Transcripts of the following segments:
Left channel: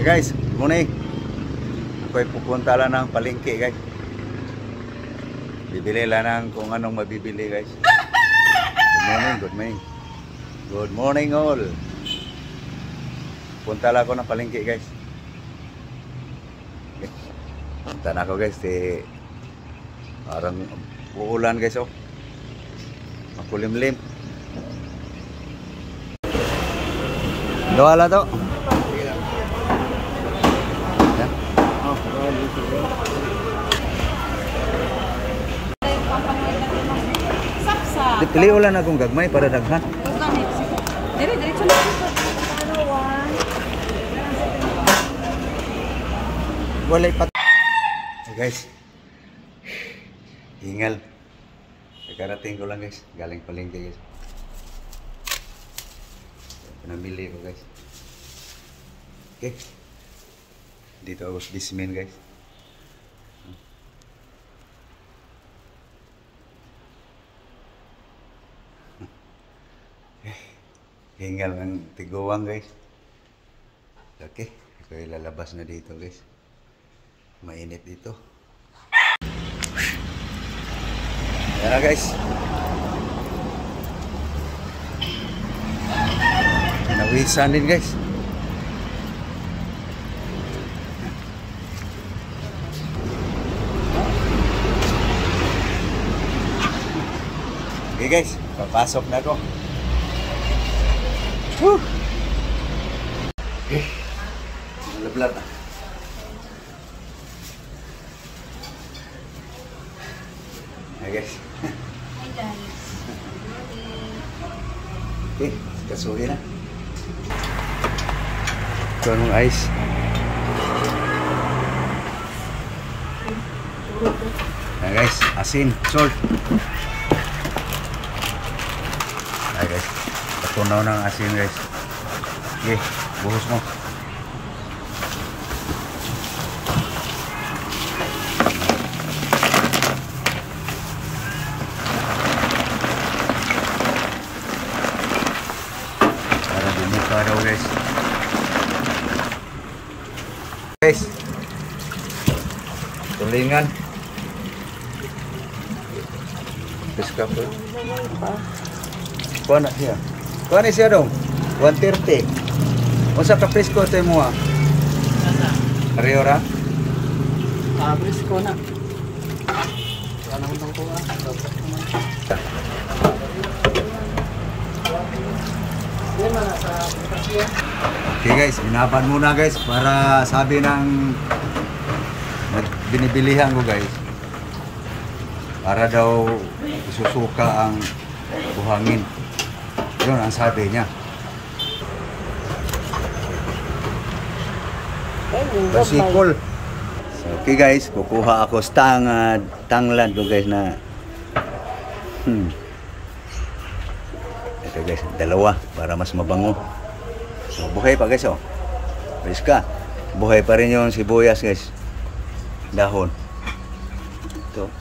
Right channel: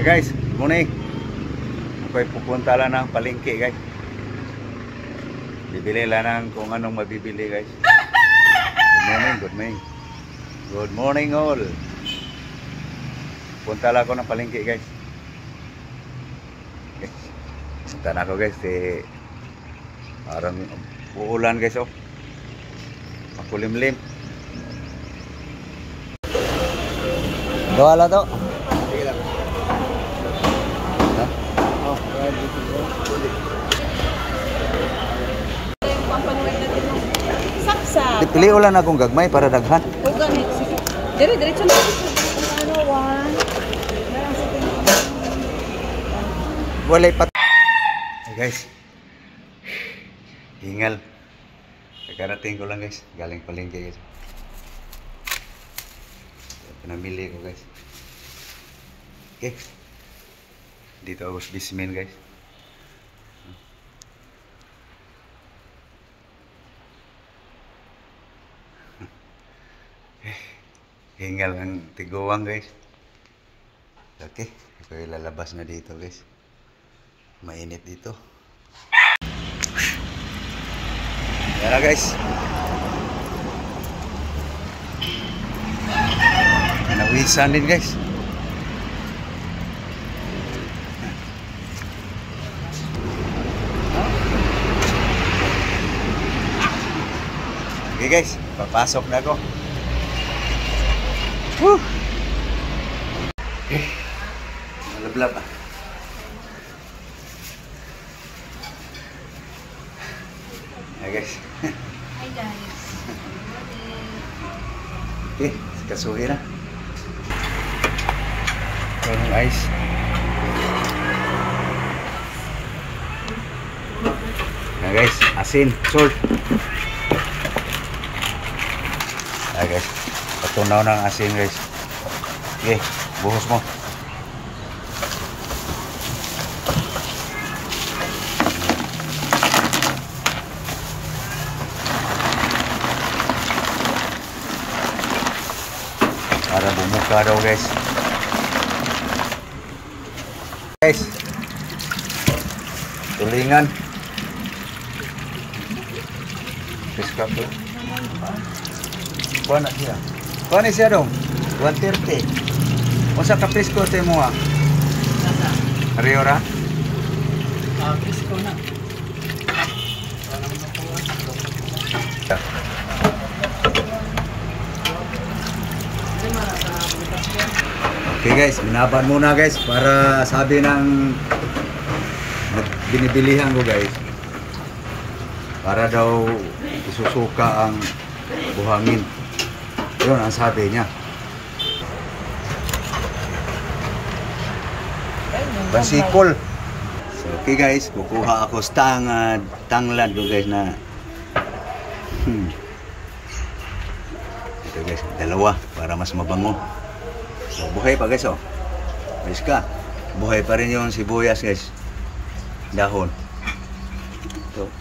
Guys, morning. Ako'y pupunta lang ng palengke, guys. Bibili lang ng kung anong mabibili, guys. Good morning, good morning. Good morning all. Punta lang ako ng palengke, guys. Punta na ako, guys. Parang uulan, guys, oh. Makulimlim. Doa to. Pili ulan akong gagmay para daghan. Diretso na dito. Walay pat. Hey guys. Hingal. Karating ko lang, guys. Galing palengke, guys. Mamili ko, guys. Okay. Dito ako sa bismin, guys. Hingal ang tiguang, guys. Okay, ito lalabas na dito, guys. Mainit dito. Yan na, guys. Nawisan din, guys. Okay, guys, papasok na ako. Woo! Okay. Nalablab ah. Hi guys. Hi guys. Okay, kasuhin na. Ito anong ice. Ayan guys, asin, salt. Ayan guys. Patunaw ng asin, guys. Okay, buhos mo. Para bumuka daw, guys. Guys, tulingan. Piska po. Kuha na siya. Kuha na siya dong. 130. Unsa ka presko ito mo ha? Ariora? Presko na. Ano mo itong kuha? Okay guys, binaban muna guys para sabi ng binibilihan ko guys. Para daw isusuka ang buhangin. Yun ang sabi niya. Basikol. So, okay guys, kukuha ako sa tanglad ko guys na ito guys, dalawa para mas mabango. So, buhay pa guys, oh. Guys ka, buhay pa rin yung sibuyas guys. Dahon. Ito.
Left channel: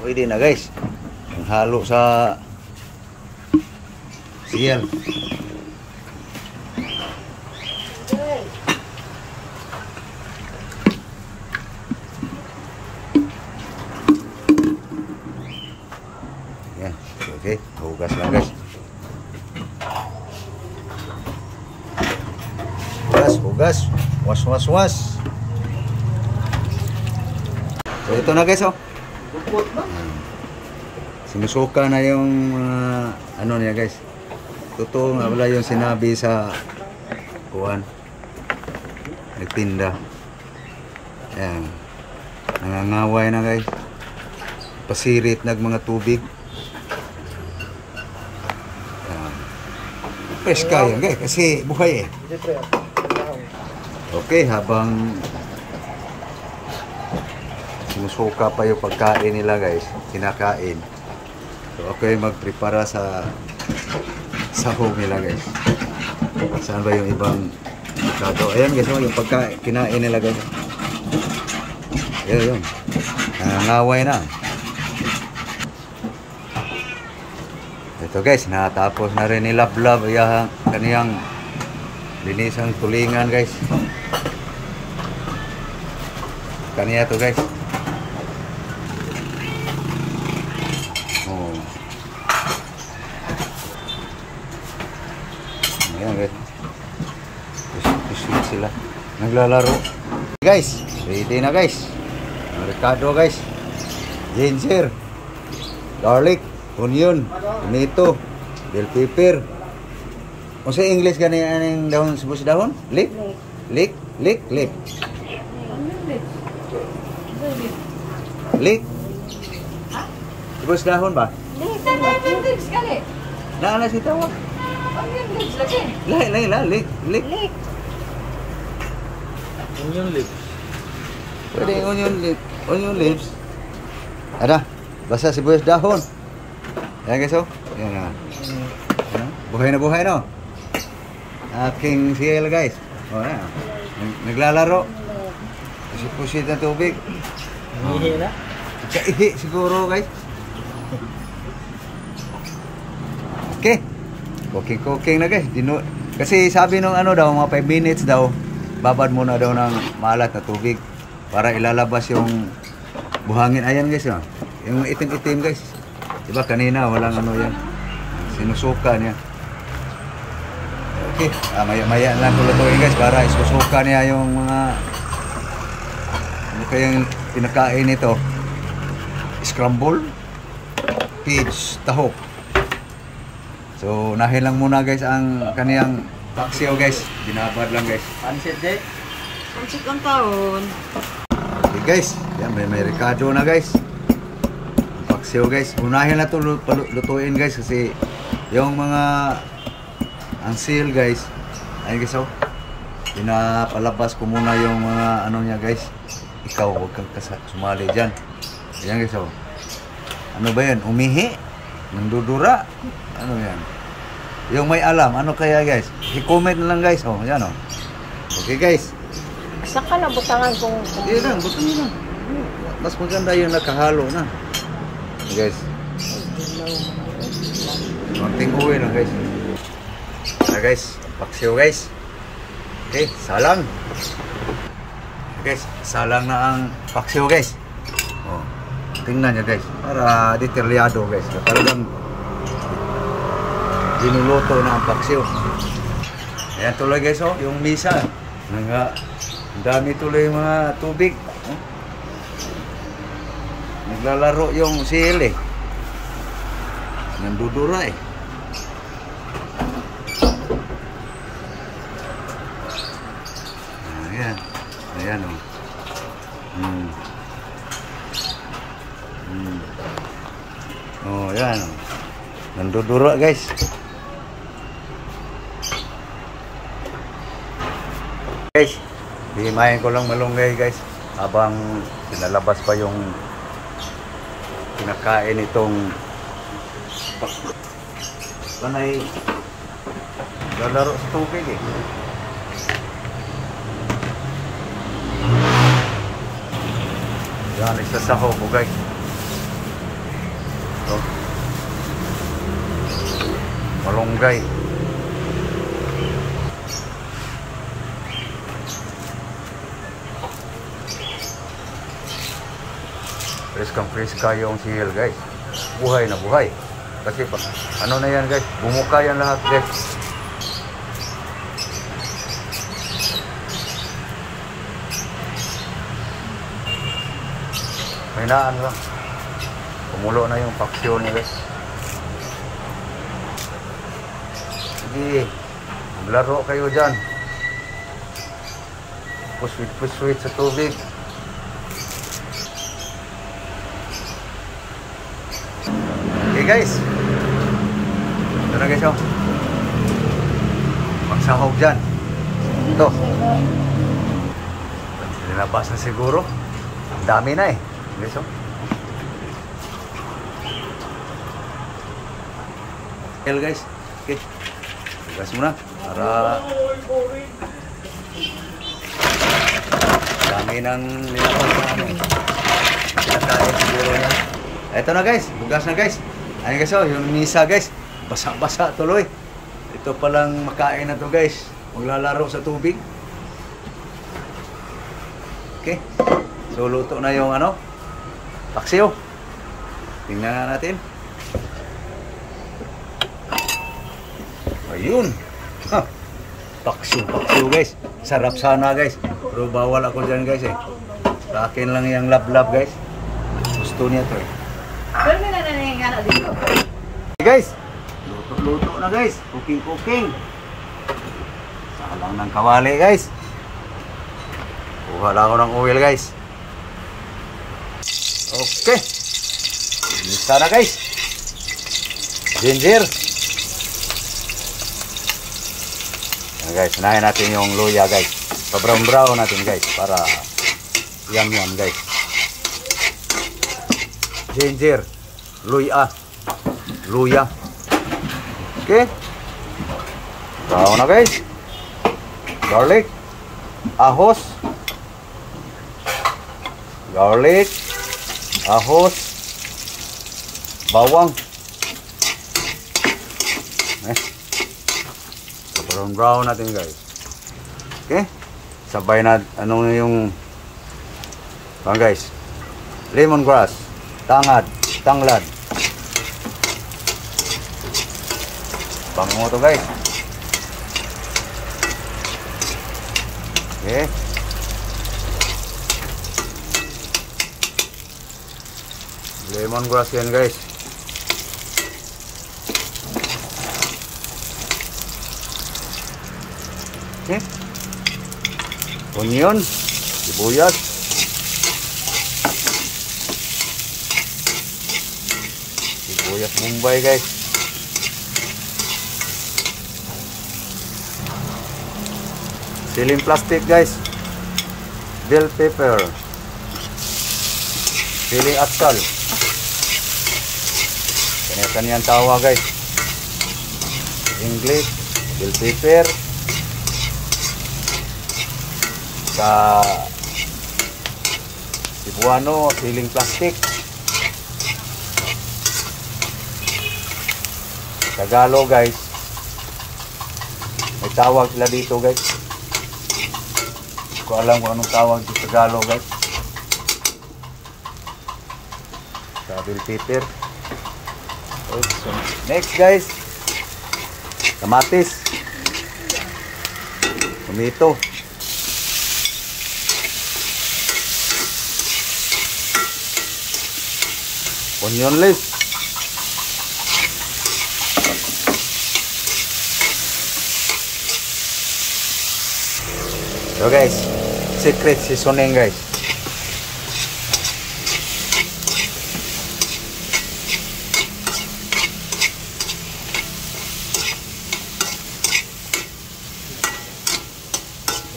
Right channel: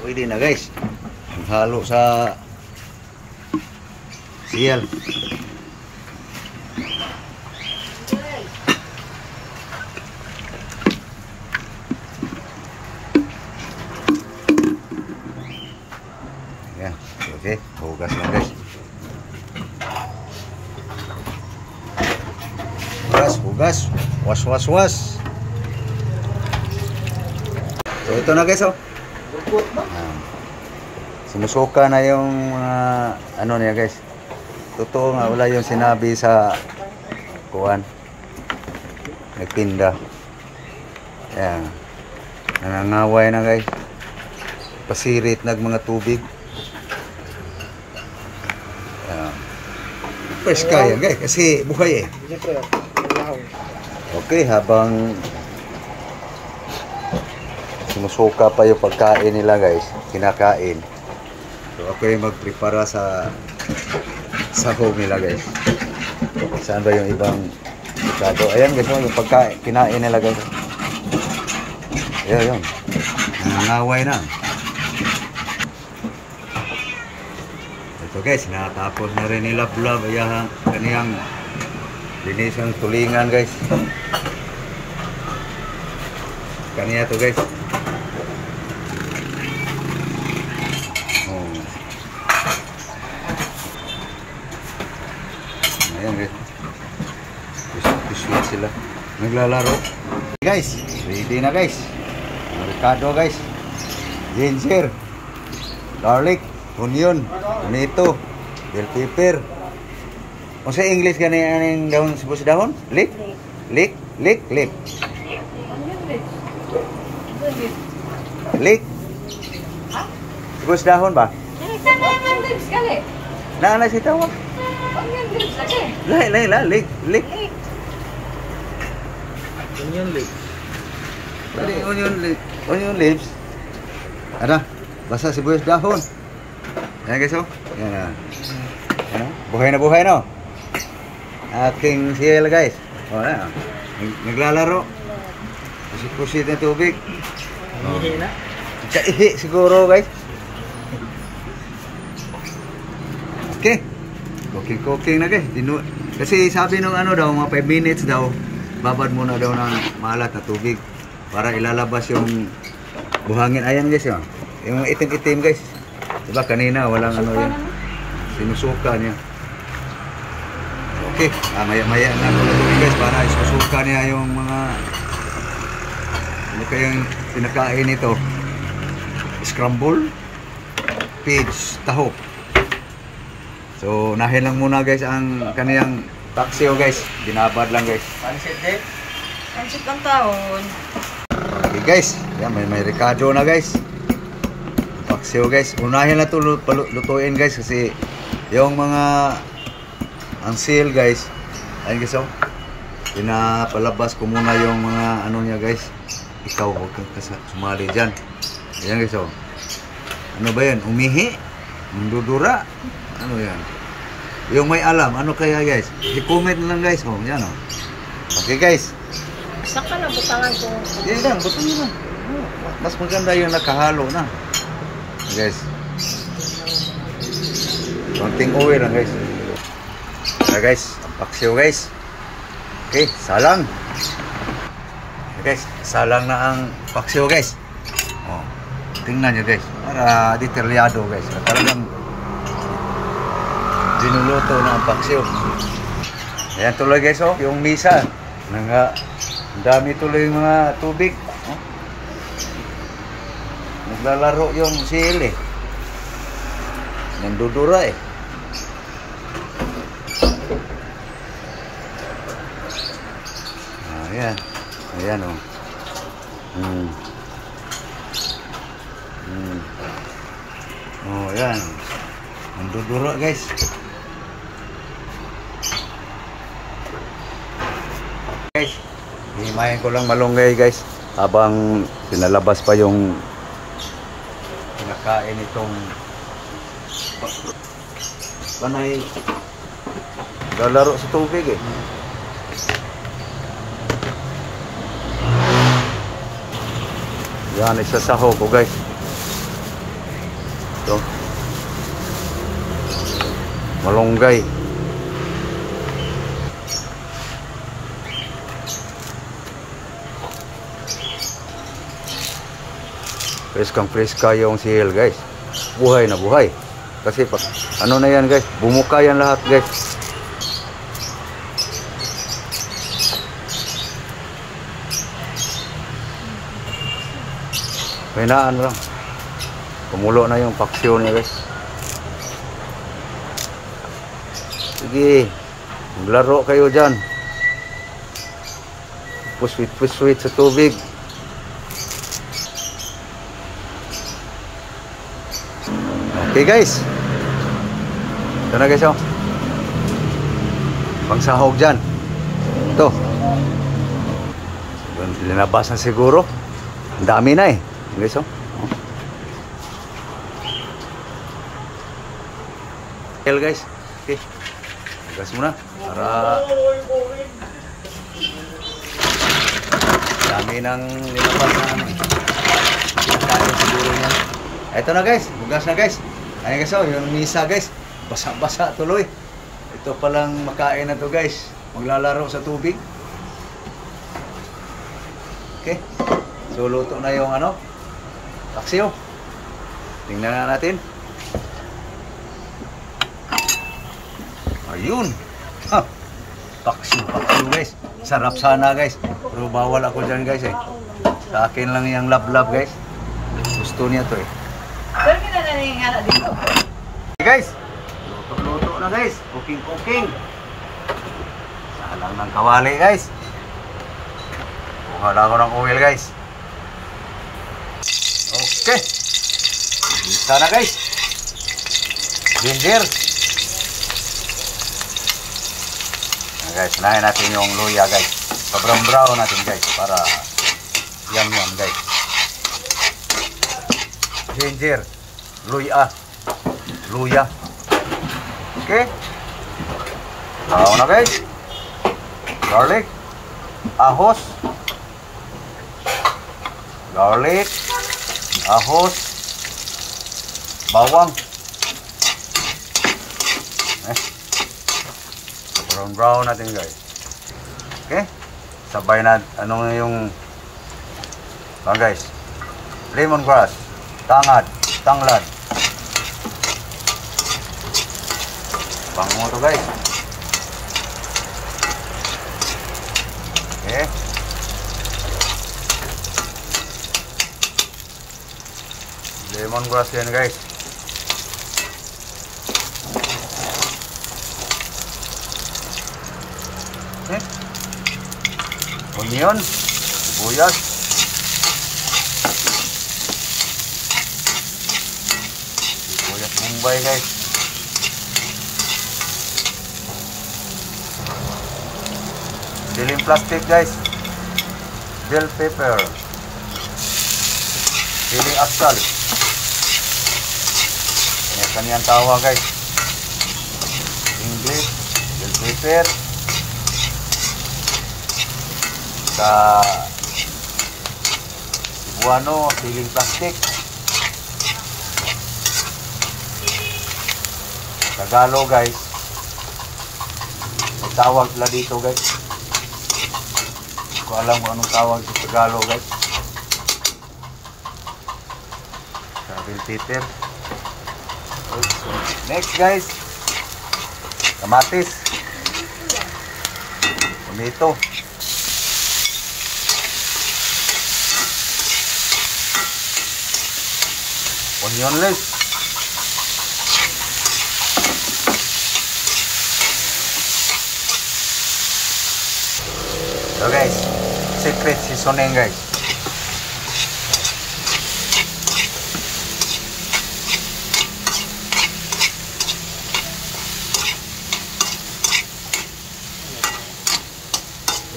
Pwede na guys. Ang halo sa siyal. Ayan. Okay. Hugas lang guys. Hugas. Was. So ito na guys, oh. Sinusuka na yung ano niya guys. Totoo nga wala yung sinabi sa kuwan. Nagtinda. Ayan. Nangangaway na guys. Pasirit nag mga tubig. Ayan. Fresh kaya guys kasi buhay eh. Okay, habang sinusuka pa yung pagkain nila guys, kinakain. So ako yung magprepara sa sahog nila guys. Saan ba yung ibang bukado? Ayan guys, yung pagkain, kinain nila guys. Ayan, nangangaway na. Ito guys, natapos na rin nila vlog kaniyang linis ang tulingan guys. Kaniya to guys. Oh. Ayan guys. Sweet sila. Naglalaro. Guys, ready na guys. Ang Ricardo guys. Ginger, garlic, onion, tomato, bell pepper. Kung sa English gani aning dahon sibuyas dahon? Leek? Leek? Leek? Leek? Leek? Sibuyas dahon ba? Na si tawag? Lain lah, leek. Leek. Onion leaves. Pwede onion leek. Onion leaves. Ada, basa sibuyas dahon. Yan guys, oh. Yan na. Yan na. Buhay no. Aking siyel guys. Oh, yan. Naglalaro. Pusit-pusit na tubig. Ihi na. Kaihi siguro guys. Okay. Cooking na guys. Kasi sabi nung ano daw, mga 5 minutes daw, babad muna daw ng maalat na tubig para ilalabas yung buhangin. Ayan guys, yung itim-itim guys. Diba kanina walang ano yan. Sinusuka niya. Okay, maya-maya na lutuin guys para isusuka niya yung mga ano kayang pinakain nito. Scramble peach tahop. So nahin lang muna guys ang kaniyang paksiw guys. Binabad lang guys. Pansit din. Pansit lang taon. Okay guys, yan may Ricardo na guys. Paksiw guys. Unahin na ito lutuin guys kasi yung mga ang seal guys. Ayun guys, oh. Pinapalabas ko muna yung mga ano niya guys. Ikaw huwag kang sumali dyan. Ayan guys, oh. Ano ba yan? Umihi? Nandudura? Ano yan? Yung may alam, ano kaya guys? I-comment na lang guys, oh. Yan, oh. Okay guys. Saka na butangan kung... Hindi lang, butangin lang. Oh, mas maganda yung nakahalo na. Guys. Konting oil lang guys. Na guys, paksiw guys. Okay, salang. Guys, salang na ang paksiw guys. Oh, tingnan nyo guys. Para detalyado guys. Talagang dinuluto na ang paksiw. Ayan tuloy guys, oh. Yung misa. Dami tuloy yung mga tubig. Oh. Naglalaro yung sili. Nandudura eh. Ayan. Ayan o. Oh, ayan o. Nandudura guys. Guys, himayin ko lang malunggay guys. Habang pinalabas pa yung kinakain itong panay lalaro sa tubig eh. Yan, isa sa hobo guys. Ito. Malunggay. Preskang-preska yung sihil guys. Buhay na buhay. Kasi ano na yan guys, bumuka yan lahat guys. May naan lang. Kumulo na yung paksiw niya guys. Sige, maglaro kayo dyan. Puswit-puswit sa tubig. Okay guys. Ito na guys, oh. Pangsahog dyan. Ito. Linabasan siguro. Ang dami na eh. Guys, oh. Okay guys. Okay. Gas muna. Para dami ng linapas na ano eh. Pinakain siguro niya. Ito na guys. Bugas na guys. Ayun guys, oh. Yung misa guys. Basa-basa tuloy. Ito palang makain na to guys. maglalaro sa tubig. Okay. So luto na yung ano, paksiw. Tingnan na natin. Ayun. Ha. Paksiw guys. Sarap sana guys. Pero bawal ako dyan guys eh. Sa akin lang yung lab guys. Gusto niya to eh. Pero may nananingana dito. Okay guys. Luto na guys. Cooking. Salang ng kawali guys. Kuha lang ako ng oil guys. Okay. Isa na guys. Ginger. Guys, unahin natin yung luya guys. Pa-brown natin guys para yan guys. Ginger, luya. Okay. Brown na guys. Garlic, ahos, bawang. Brown natin guys. Okay. Sabay na ano yung guys. Lemongrass, tanglad. Bango to guys. Okay. Lemongrass yan guys. Okay. Onion, sibuyas. Sibuyas Bombay guys. Siling plastic guys. Bell pepper. Siling asal. Kanya-kanyang tawa guys. English, bell pepper. Sa Cebuano, siling plastic. Tagalog guys, may tawag sila dito guys. Ko alam kung anong tawag sa Tagalog guys. Sa bell pepper. So, next guys, kamatis, tomato, onion leaves, so guys, secret seasoning guys.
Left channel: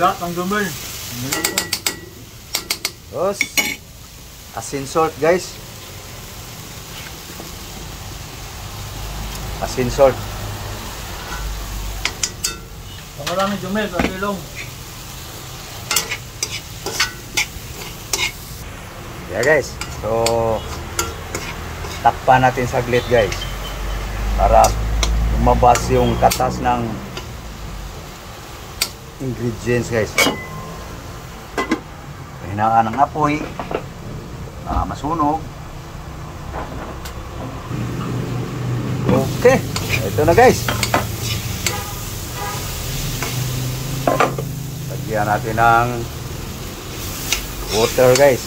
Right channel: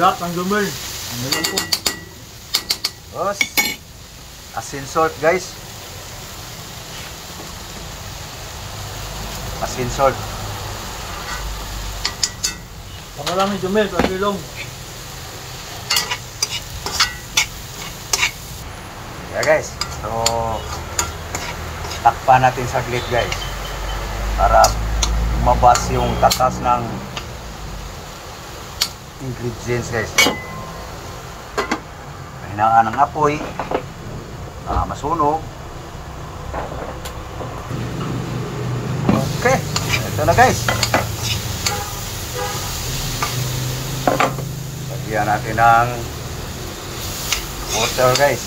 Hirap ng gamel. Tapos asin salt guys. Asin salt. Ang maraming gamel, pagkilong. Yeah guys. So takpan natin saglit guys. Para lumabas yung tatas ng ingredients guys. Hinaan ng apoy. Masunog. Okay, ito na guys. Lagyan natin ng water guys.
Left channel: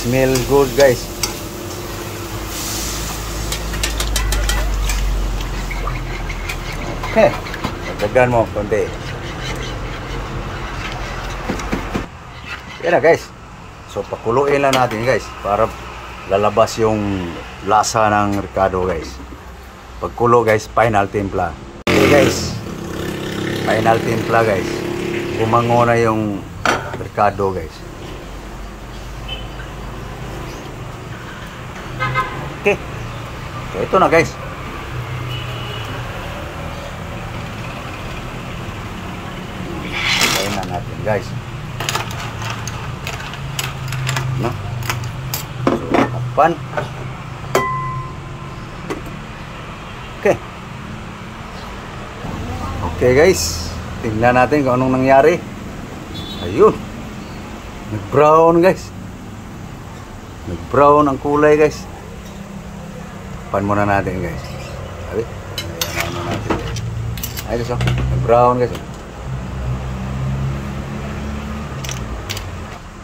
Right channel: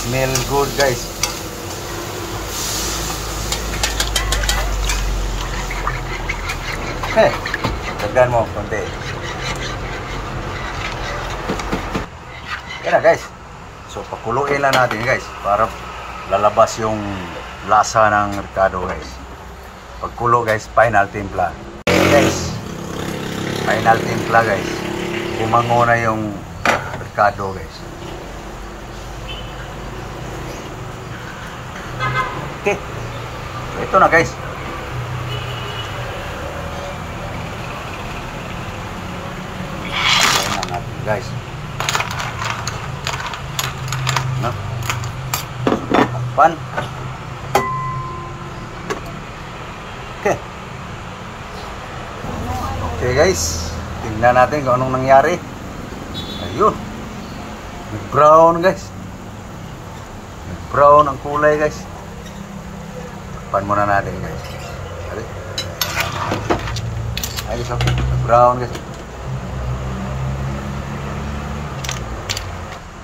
Smell good guys. Dagdagan mo konti. Yan na guys. So pakuluin lang natin guys para lalabas yung lasa ng Ricardo guys. Pagkulo guys, final timpla. Okay guys, final timpla guys. Kumango na yung Ricardo guys. Okay, so ito na guys. Ito na natin guys. No? Pan. Okay. Okay guys, tingnan natin kung anong nangyari. Ayun, nag-brown guys. Nag-brown ang kulay guys. Pan muna natin guys. Ayun, so, nag-brown guys.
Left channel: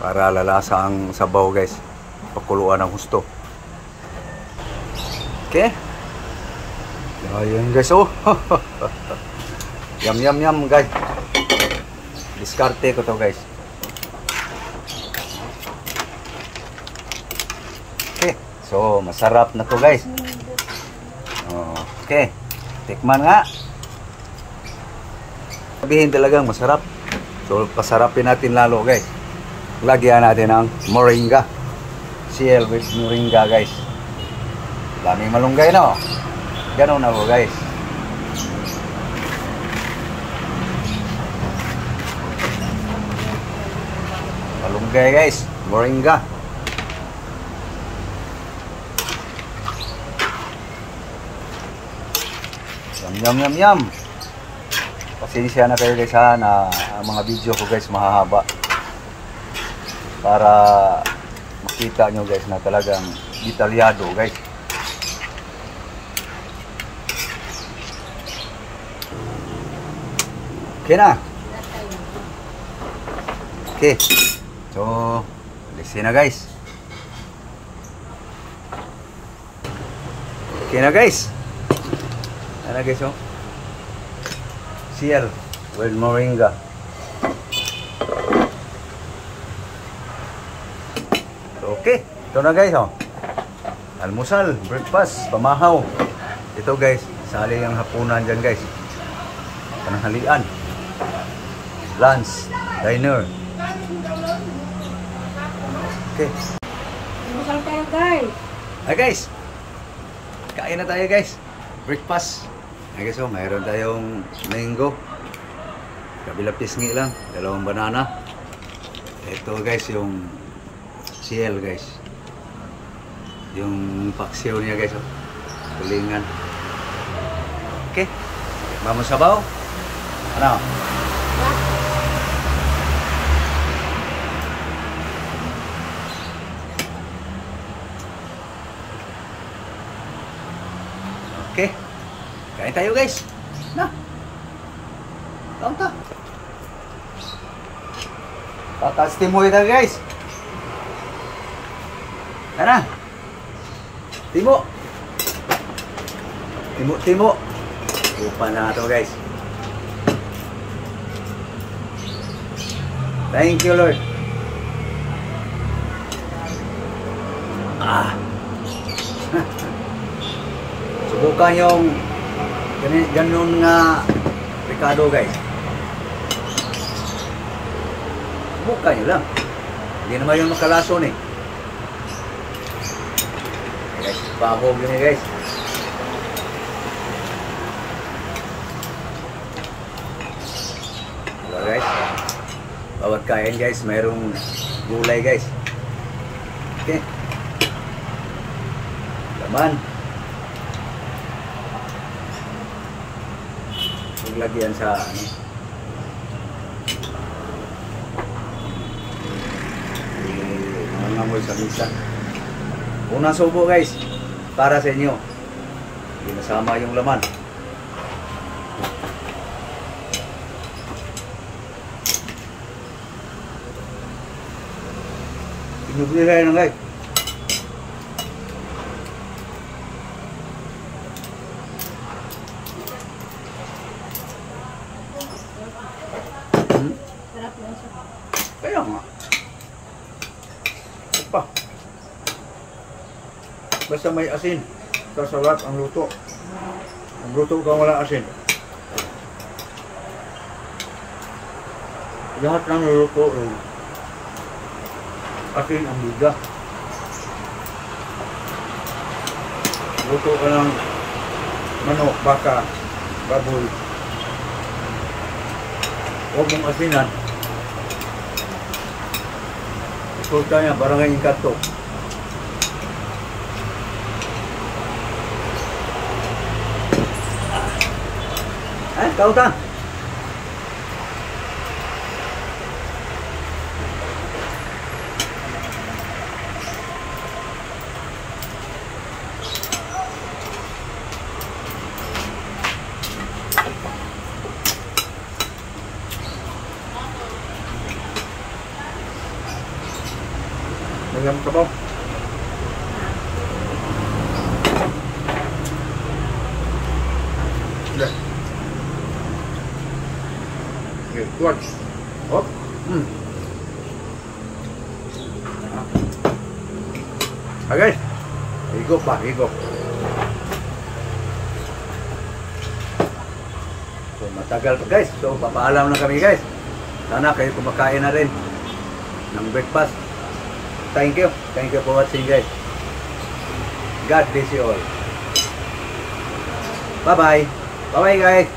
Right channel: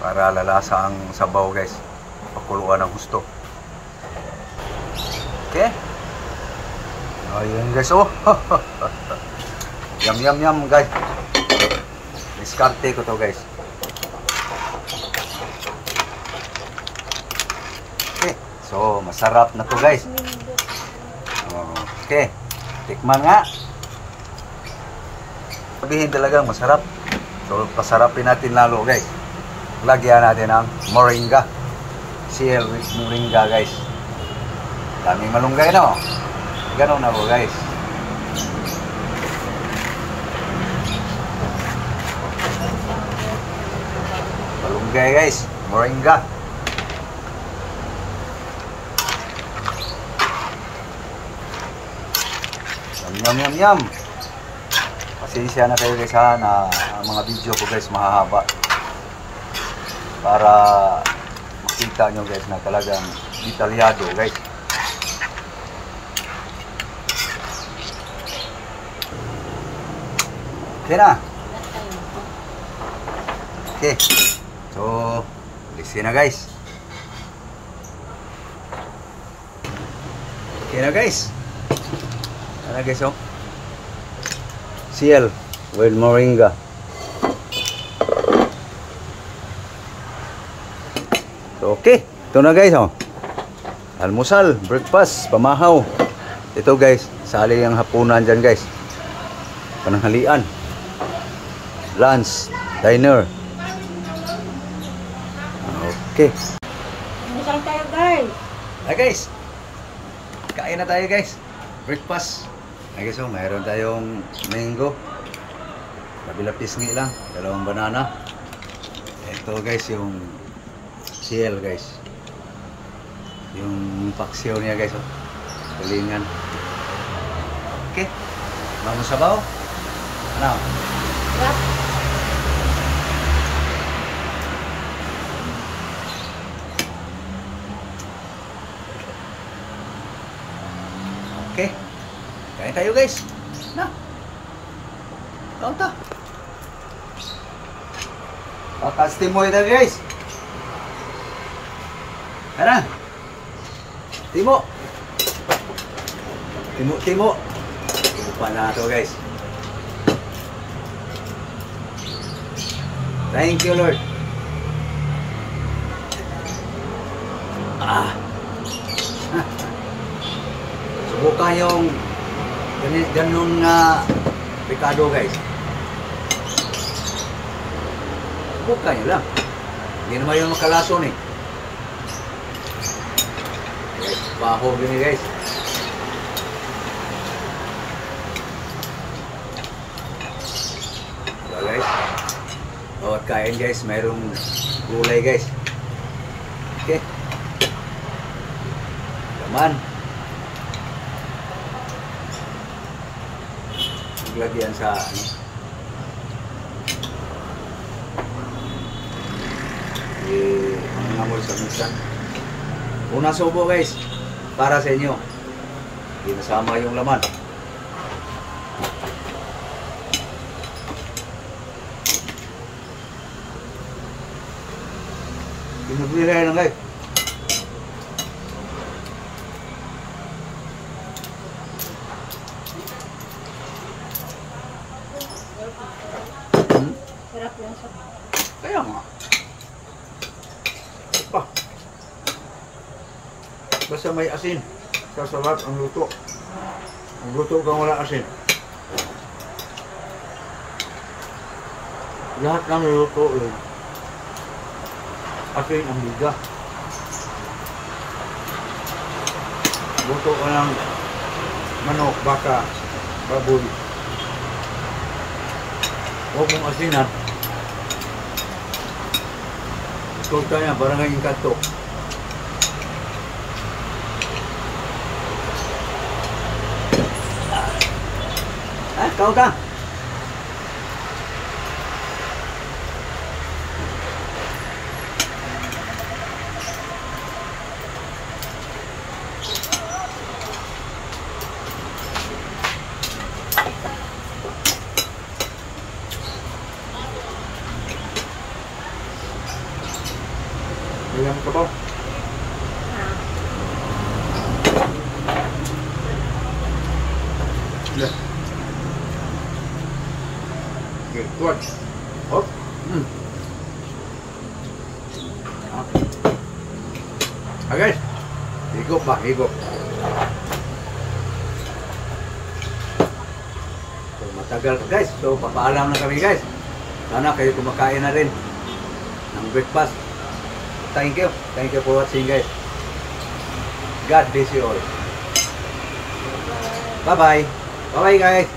Para lalasa ang sabaw guys. Pakuluan ng gusto. Okay. Ayun guys, oh. Yum yum yum guys. Diskarte ko to guys. Okay, so masarap na to guys. Okay, tikman nga. Sabihin talagang masarap. So pasarapin natin lalo guys. Lagyan natin ang moringa. CL with moringa guys. Daming malunggay na oh. Ganun na po guys. Malunggay guys, moringa. Yum yum yum. Pasensya na kayo guys ha, na ang mga video ko guys mahahaba. Para makita nyo guys na talagang detalyado guys. Okay na. Okay. So, alisin na guys. Okay na guys. Ano guys oh? CL with moringa. So, okay. Ito na guys oh. Almusal, breakfast, pamahaw. Ito guys, sali ang hapunan dyan guys. Pananghalian. Lunch, dinner. Okay. Masal tayo guys. Hi guys. Kain na tayo guys. Breakfast. Hi guys, oh, mayroon tayong mango. Kabila pisngi lang, dalawang banana. Ito guys yung CL guys. Yung paksiw niya guys, oh. Tulingan. Okay. Mamo sabaw. Ano? Yeah. Okay. Kain tayo guys. Na. Kaun ta. Pakastimoy na guys. Tara. Timo. Timo. Lupa na ito guys. Thank you Lord. Subukan yung ganun na Ricardo guys. Subukan nyo lang. Hindi naman yung makalason eh. Guys, pahog yun eh guys. Diba guys? Bawat kain guys, mayroong gulay guys. Okay. Laman. Lagyan sa ano. Mangangamoy sa misa. Unang subo guys, para sa inyo. Hindi nasama yung laman. Tinugulay lang guys. Sarap yan siya. Kaya nga. Pa. Basta may asin, sasarap ang luto. Ang luto kang wala asin. Lahat ng luto asin ang biga. Luto ka ng manok, baka, baboy. Huwag mong asinan. Resulta niya, barangay yung kato. Tao ta. Ayam ka ba? Ah, Lah. Okay, tuwag. Oh. Guys. Higop ba? Higop. So, matagal pa guys. So, papaalam na kami guys. Sana kayo kumakain na rin ng breakfast. Thank you. Thank you for watching guys. God bless you all. Bye-bye. Bye-bye guys.